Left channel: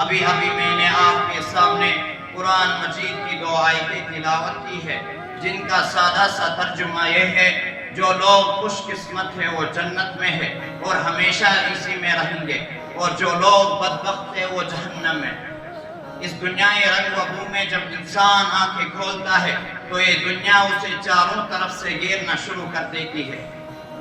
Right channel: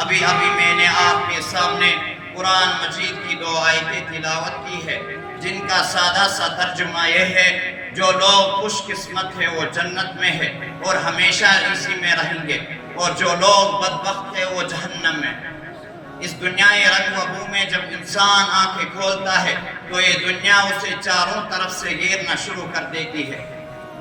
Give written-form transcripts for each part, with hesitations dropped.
ابھی میں نے آپ کے سامنے قرآن مجید کی 2 آیتیں تلاوت کی ہے، جن کا سادہ سا ترجمہ یہ ہے: جو لوگ خوش قسمت ہے وہ جنت میں ہے اور ہمیشہ اسی میں رہیں گے، اور جو لوگ بدبخت ہے وہ جہنم میں۔ اس دنیا رنگ و بو میں جب انسان آنکھیں کھولتا ہے تو یہ دنیا اسے چاروں طرف سے گھیرنا شروع کر دیتی ہے۔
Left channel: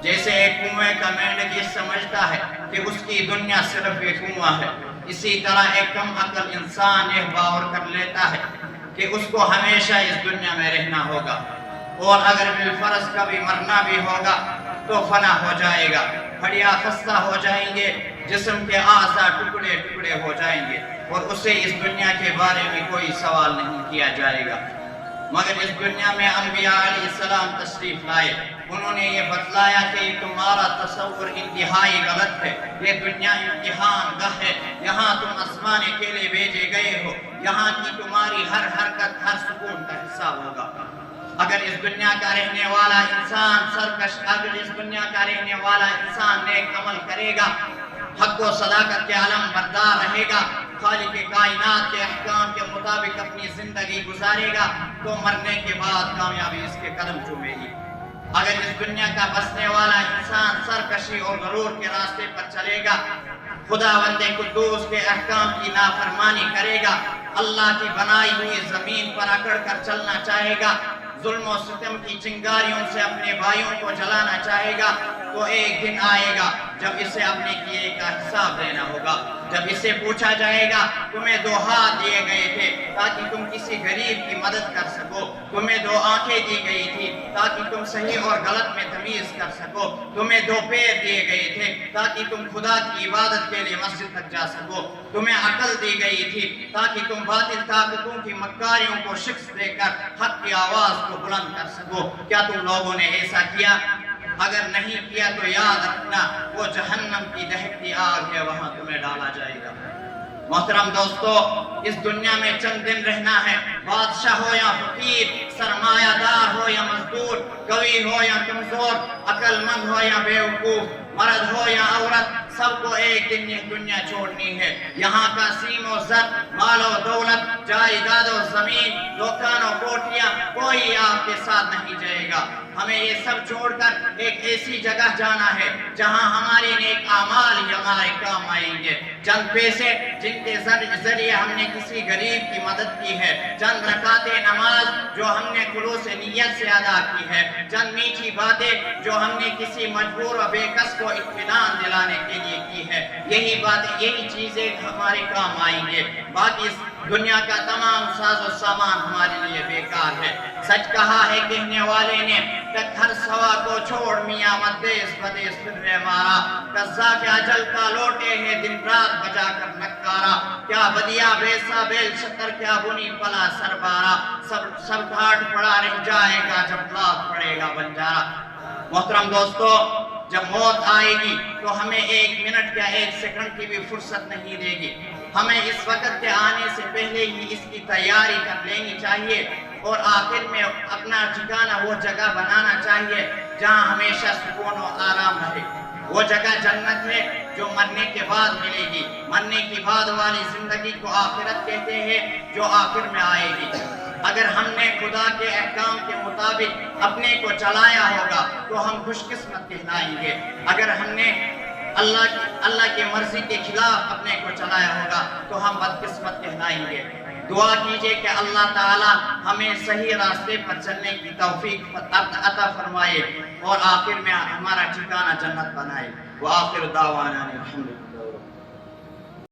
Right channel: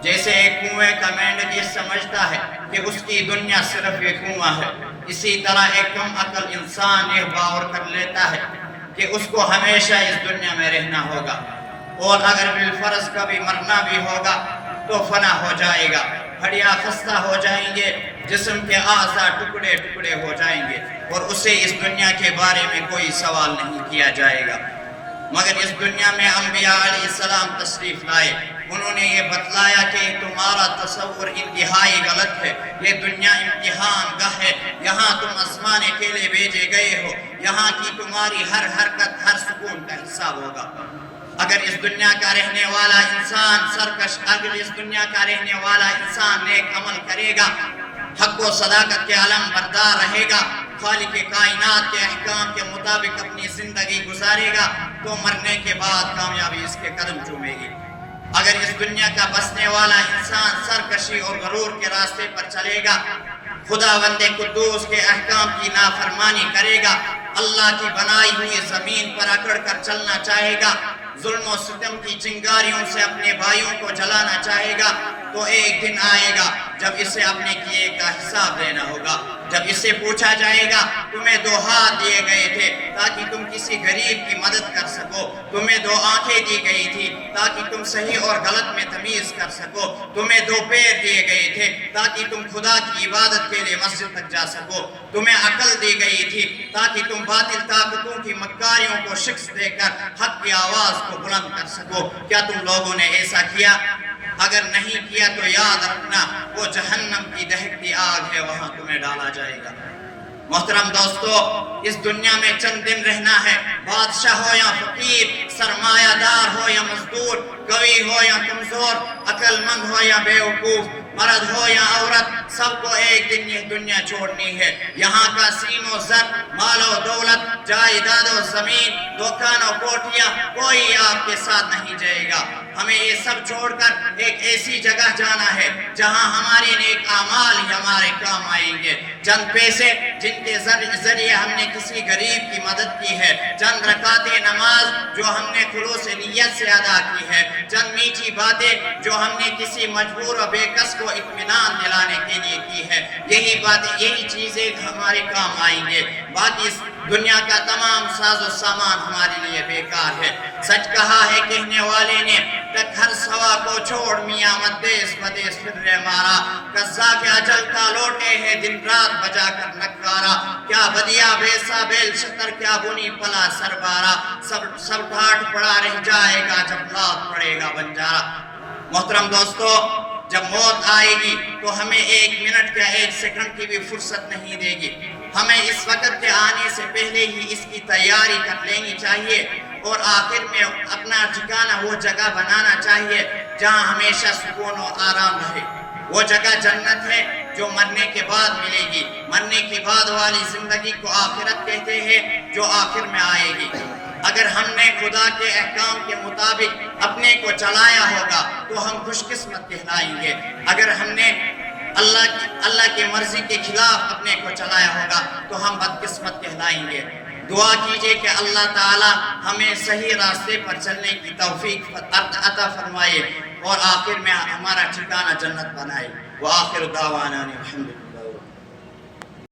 جیسے ایک کنویں کا مینڈک یہ سمجھتا ہے کہ اس کی دنیا صرف ایک کنواں ہے، اسی طرح ایک کم عقل انسان یہ باور کر لیتا ہے کہ اس کو ہمیشہ اس دنیا میں رہنا ہوگا، اور اگر بالفرض کبھی مرنا بھی ہوگا تو فنا ہو جائے گا، ہڈیاں خستہ ہو جائیں گے، جسم کے اعضاء ٹکڑے ٹکڑے ہو جائیں گے، اور اسے اس دنیا کے بارے میں کوئی سوال نہیں کیا جائے گا۔ مگر اس دنیا میں انبیاء علیہ السلام تشریف لائے، انہوں نے یہ بتلایا کہ تمہارا تصور انتہائی غلط ہے، یہ دنیا امتحان گاہ ہے، یہاں تم آسمان کے لیے بھیجے گئے ہو، یہاں کی تمہاری ہر حرکت ہر سکون کا حساب ہوگا۔ اگر اس دنیا کا رہنے والا انسان سرکش، اگر اس دنیا کا رہنے والا انسان نیک عمل کرے گا، حق و صداقت کے علم بردار رہے گا، خالق کائنات کے احکام کے مطابق اپنی زندگی گزارے گا، تو مرنے کے بعد کامیابی اس کے قدم چومے گی۔ اگر اس دنیا کا بسنے والا انسان سرکشی اور غرور کے راستے پر چلے گا، خداوند قدوس کے احکام کی نافرمانی کرے گا، اللہ کی بنائی ہوئی زمین پر اکڑ کر چلنا چاہے گا، ظلم و ستم کی چنگاریوں سے اپنے بھائیوں کو جلانا چاہے گا، تو ایک دن آئے گا جب اسے اپنے کیے کا حساب دینا ہوگا، جب اسے پوچھا جائے گا تمہیں 2 ہاتھ دیے گئے تھے تاکہ تم کسی غریب کی مدد کر سکو، تمہیں 2 آنکھیں دی گئی تھی تاکہ تم صحیح اور غلط میں تمیز کر سکو، تمہیں 2 پیر دیے گئے تھے تاکہ تم خدا کی عبادت کے لیے مسجد تک جا سکو، تمہیں عقل دی گئی تھی تاکہ تم باطل طاقتوں کی مکاریوں کو شکست دے کر حق کی آواز کو بلند کر سکو۔ کیا تم لوگوں نے ایسا کیا؟ اگر نہیں کیا تو یاد رکھنا وہ جہنم کی دہکتی آگ ہے، وہاں تمہیں ڈالا جائے گا۔ محترم دوستو، اس دنیا میں چند دن رہنا ہے، بادشاہ ہو یا فقیر، سرمایہ دار ہو یا مزدور، قوی ہو یا کمزور، عقل مند ہو یا بیوقوف، مرد ہو یا عورت، سب کو ایک دن یہ دنیا چھوڑنی ہے۔ یہاں کا سیم و زر، مال و دولت، جائیداد و زمین، دکان و کوٹھیاں، کوئی آپ کے ساتھ نہیں جائے گا۔ ہمیں یہ سب چھوڑ کر ایک ایسی جگہ جانا ہے جہاں ہمارے نیک اعمال ہی ہمارے کام آئیں گے۔ چند پیسے جن کے ذریعے ہم نے کسی غریب کی مدد کی ہے، چند رکعت نماز جو ہم نے خلوص نیت سے ادا کی ہے، چند میٹھی باتیں جو ہم نے کسی مجبور و بے کس کو اطمینان دلانے کے لیے کی ہے، یہی باتیں، یہی چیزیں ہمارے کام آئیں گے۔ باقی اس دنیا کا تمام ساز و سامان ہمارے لیے بیکار ہے۔ سچ کہا ہے کہنے والے نے، تک ہر سوا کو چھوڑ میاں مدیس بدیس پھرنے مارا، قضا کے اجل کا لوٹے ہے دن رات بجا کر نکارا، کیا بدیا بیسا بیل شکر، کیا بنی پلا سربارا، سب ڈھاٹ پڑا رہ جائے گا جب لات پڑے گا بنجارا۔ محترم دوستو، جب موت آئے گی تو ہمیں 1 منٹ یا 1 سیکنڈ کی بھی فرصت نہیں دے گی، ہمیں اس وقت کے آنے سے پہلے ہی اس کی تیاری کر لینی چاہیے، اور آخر میں اپنا ٹھکانہ وہ جگہ بنانا چاہیے جہاں ہمیشہ سکون و آرام رہے۔ وہ جگہ جنت ہے جو مرنے کے بعد ملے گی۔ مرنے کے بعد والی زندگی کو آخرت کہتے ہیں، جو آخر میں آئے گی۔ اگر ہم نے خدا کے احکام کے مطابق اپنے کو چلایا ہوگا تو ہم خوش قسمت کہلائیں گے، اگر ہم نے اللہ کی مرضی کے خلاف اپنے کو چلایا ہوگا تو ہم بدقسمت کہلائیں گے۔ دعا کیجئے کہ اللہ تعالی ہمیں صحیح راستے پر چلنے کی توفیق عطا فرمائے اور آخر میں ہمارا ٹھکانہ جنت بنائے۔ وآخر دعوانا الحمدللہ۔